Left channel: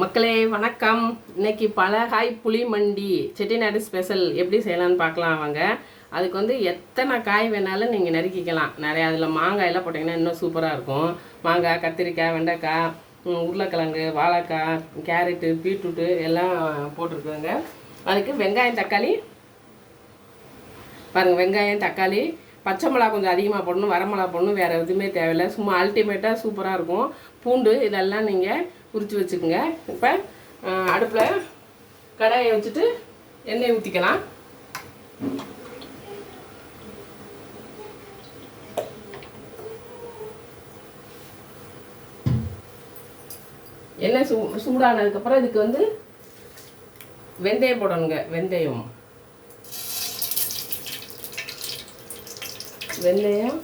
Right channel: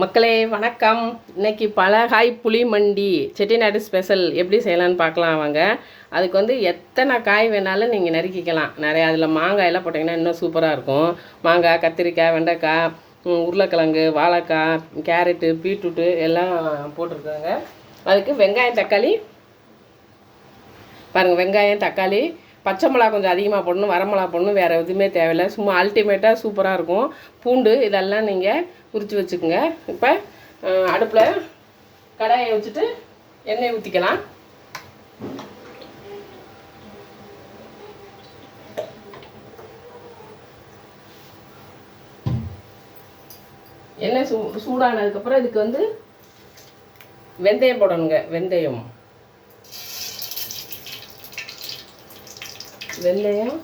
மக்களே வணக்கம். இன்னைக்கு பலகாய் புளி மண்டி செட்டிநாடு ஸ்பெஷல் எப்படி செய்யலான்னு பார்க்கலாம் வாங்க. அதுக்கு வந்து எத்தனை காய் வேணாலும் நீங்கள் நறுக்கிக்கலாம். நிறையா அதில் மாங்காயெல்லாம் போட்டிங்கன்னா இன்னும் சூப்பராக இருக்கும். மாங்காய், கத்திரிக்காய், வெண்டைக்காய், உருளைக்கிழங்கு, வாழைக்காய், கேரட்டு, பீட்ரூட்டு எல்லாம் போட்டிருக்குங்க. அதுக்கு வெங்காயம், தக்காளி பாருங்கள். வெங்காயம், தக்காளி, பச்சை மிளகா கொஞ்சம் அதிகமாக போடணும், வரமிளகா போடணும், வேறு எதுவுமே தேவையில்லை. சும்மா அல்டிமேட்டாக சூப்பராக இருக்கும். பூண்டு இதெல்லாம் நீங்கள் உரித்து வச்சுக்கோங்க. இப்போ அடுப்பில் கடாயை வச்சுட்டு எண்ணெய் ஊற்றிக்கலாம். எண்ணெய் சூடானதுக்கப்புறம் இதுக்கு வந்து வெந்தயம் போடணுங்க. வெந்தயம்,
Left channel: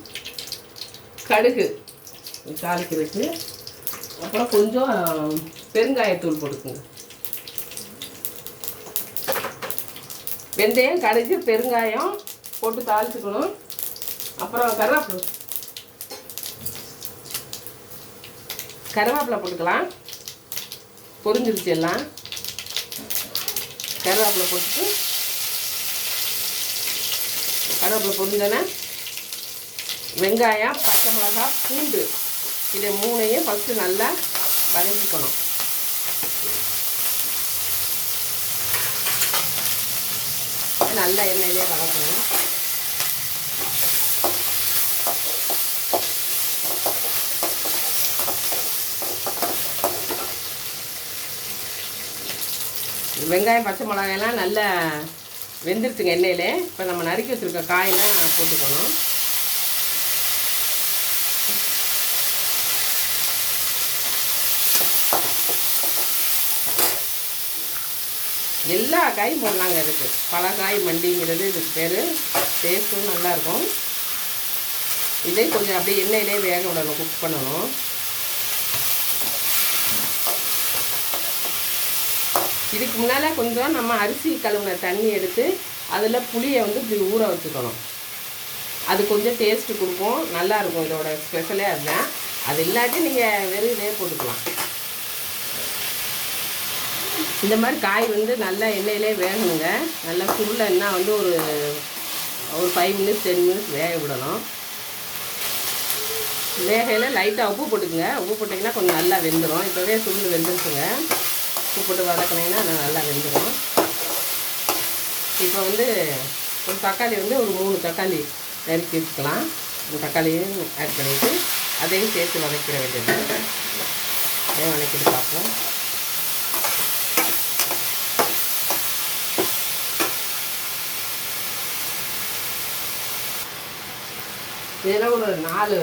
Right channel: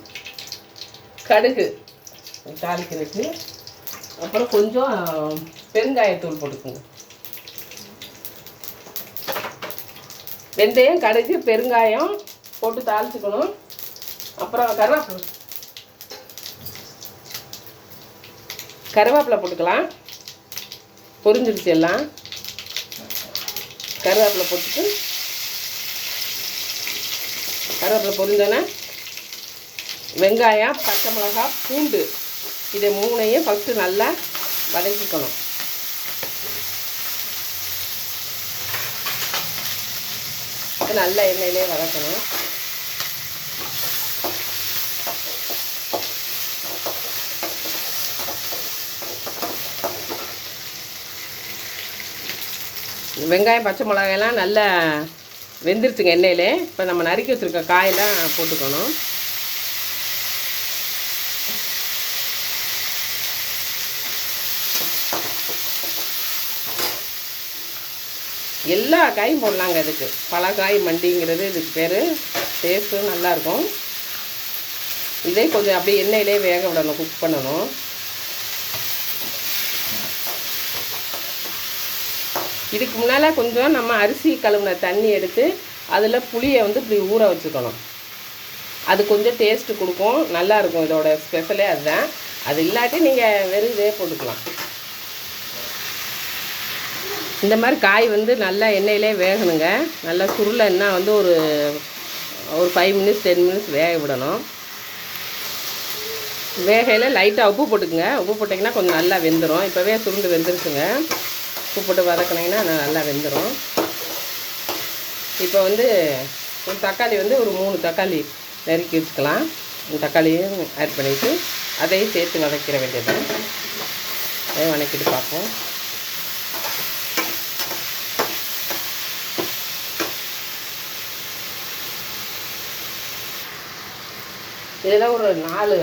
கடுகு தாளிக்கிறதுக்கு, அப்புறம் கொஞ்சம் பெருங்காயத்தூள் போட்டுக்கோங்க. வெந்தயம், கடுகு, பெருங்காயம் போட்டு தாளிச்சுக்கணும். அப்புறம் கருவேப்பிலை போட்டுக்கலாம். பொரிஞ்சிருச்சு எல்லாம். கருவேப்பிலை போட்டுட்டு கருவேப்பிலை பொரிஞ்சோன்னே வெங்காயம், பச்சை மிளகாய், பூண்டு இதை மூணையும் ஃபஸ்ட்டு நல்லா வதக்கிக்கணும். நல்லா எண்ணெயிலே வதக்கணும். வெங்காயம், பச்சை மிளகாயெல்லாம் நல்லா வெந்துருச்சுங்க எண்ணெயிலே. இப்போ நம்ம நறுக்கி வச்சுருக்க காயெல்லாம் போட்டுக்கணும். எல்லா காயும் போடலாங்க. இதுக்கு பலகாய் மண்டிங்கிறது இதுக்கு பேர். டேஸ்ட்டும் நல்லாயிருக்கும். இதே கொஞ்சம் அப்படியே எண்ணெயிலே வேக விடணும், குக் பண்ணணும். இதுக்கு முன்னால் கொஞ்சம் நம்ம அரிசி கழுவுன தண்ணி எடுத்து அதில் புளியை வந்து இப்படி ஊற வச்சுக்கணும். அது கொஞ்சம் டேஸ்ட்டு கொடுக்கும், நல்லாயிருக்கும். இதோட ஸ்பெஷலே அதுதான். அது இல்லாட்டி நீங்கள் வெறும் இதே போட்டுக்கலாம். இந்த மாதிரி காய் வந்து நல்லா எண்ணெயிலே வேகணுங்க. நல்லா சுருளைன்னா வந்து ஒரு 5 மினிட்ஸ் 10 மினிட்ஸ் வேக விடணும். வேகையில் லைட்டாக உப்பு போட்டுக்குங்க. உப்பு போட்டிங்கன்னா கொஞ்சம் நல்லா வெந்துடும். இப்போவே சுருள் வெந்துருச்சுங்க. உப்பு போட்டு வதக்கினீங்கன்னா நல்லா வெந்துடும். இப்போ வந்து ஒரு தக்காளி வந்து ஒரு 3 தக்காளி நறுக்கி வச்சுக்கலாம். தக்காளியும் ஆட் பண்ணிவிட்டு அதையும் சேர்த்து வதக்கிற வேண்டியது. அதையும் வதக்கிட்டு பார்ப்போம். இதில் ஒரு 4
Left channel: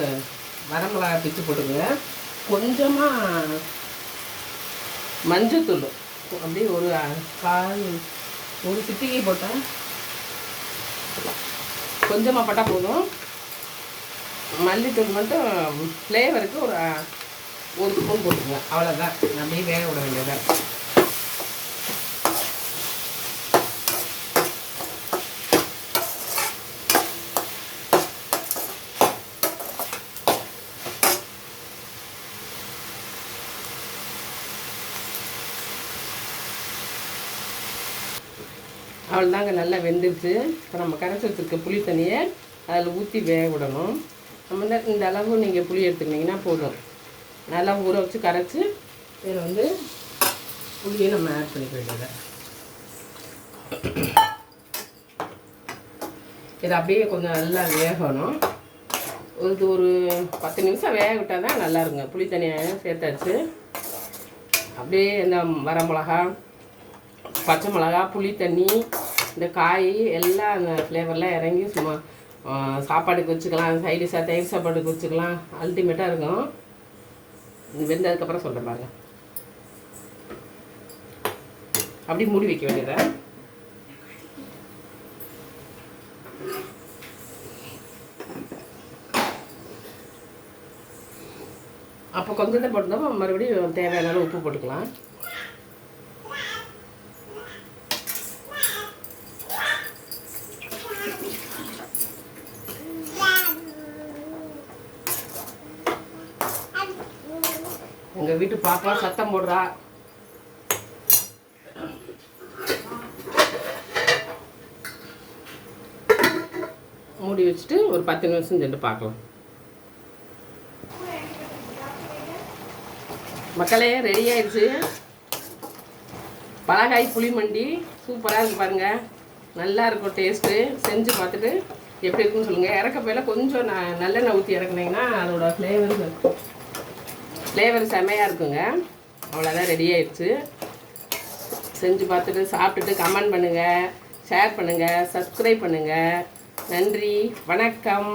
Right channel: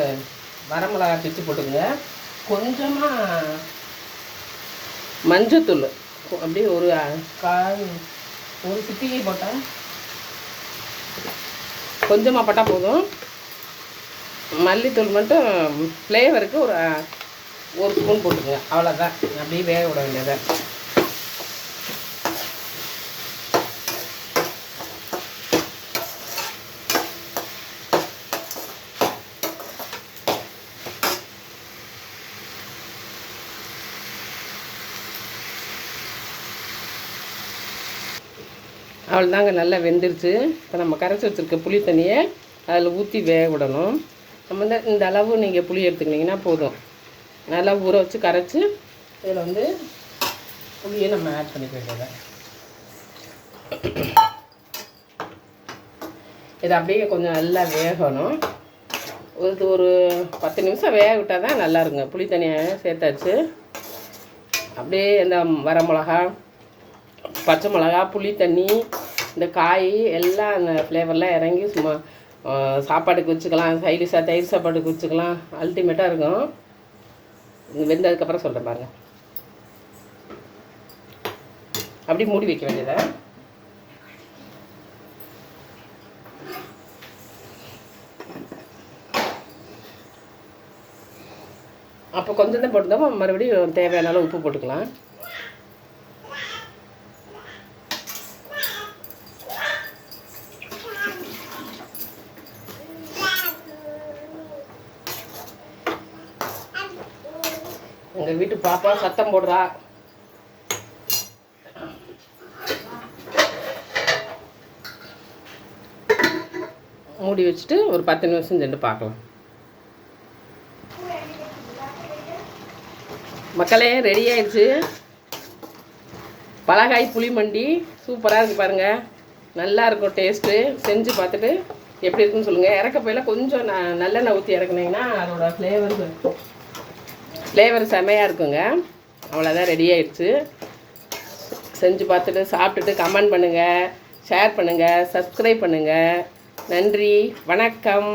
வரமிளகாய் பிச்சு போட்டுக்கோங்க. கொஞ்சமாக மஞ்சத்தூள் அப்படியே ஒரு சிட்டிகை போட்டோம். கொஞ்சமாக போட்டால் போதும். மல்லித்தூள் மட்டும் ஃப்ளேவருக்கு ஒரு ஸ்பூன் போட்டுக்கோங்க. அவ்வளோதான். அப்படியே வேக விட வேண்டியதான். அவ்வளோதாங்க, நல்லா வெந்துருச்சு. இப்போ நம்ம கரைச்சி வச்சுருக்க புளி தண்ணியை அதில் ஊற்றி வேக விடணும். நம்ம இந்த அளவு நீங்கள் புளி எடுத்துக்கிட்டிங்கன்னா போதும். நல்லா ஊற வச்சு கரைச்சி இதில் வந்து புளியை நம்ம ஆட் பண்ணி போயிடுங்க. இது அப்படியே கொஞ்சம் நல்லா வேகணும். ஒரு 10 நிமிஷம் வேக விட்டால் தான் நல்லா இருக்குங்க. புளி தண்ணியை சேர்த்தாச்சு. அப்படியே இந்த வரமிளகா, பச்சை மிளகா, புளி தண்ணி, இந்த காய் எல்லாம் அந்த ஃப்ளேவர்லாம் இறங்கி சும்மா சாப்பாட்டுக்கு வச்சுக்கலாம். சைடிஷாக தயிர் சாப்பாட்டுக்கு வச்சுக்கலாம். அல்டிமேட்டாக இருக்கும். வெந்ததுக்கப்புறம் சொல்கிறேன் பாருங்க. அப்படி மூடி வைக்க வேண்டியதை. அப்போ கொஞ்சம் தான் போட்டுருந்தோம். மறுபடியும் தேவையான அளவு உப்பு போட்டுக்கலாம். உங்கள் வீட்டு பாப்பா சத்தம் போடுறா. மூடி வச்சுட்டு ஒரு 10 நிமிஷம் சென்று பார்க்கலாம். மக்களே, ரெடி ஆயிடுச்சு. பலகாய் புளி மண்டி சூப்பராக இருக்குது பாருங்கள். நல்லா இருக்கும் டேஸ்ட்டு. செஞ்சு பார்த்துட்டு எப்படி இருக்குன்னு சொல்லுங்கள். இறக்க போயில கொஞ்சம் நல்லெண்ணெய் ஊற்றி இறக்குனீங்கன்னா அதோட ஃப்ளேவர் செமையாக இருக்குங்க. அவ்வளோதான், ரெடி ஆயிடுச்சு. செஞ்சு பார்த்துட்டு சாப்பிட்டுட்டு கமெண்ட் பண்ணுங்கள், ஷேர் பண்ணுங்கள், சப்ஸ்கிரைப் பண்ணுங்கள். நன்றி, வணக்கம்.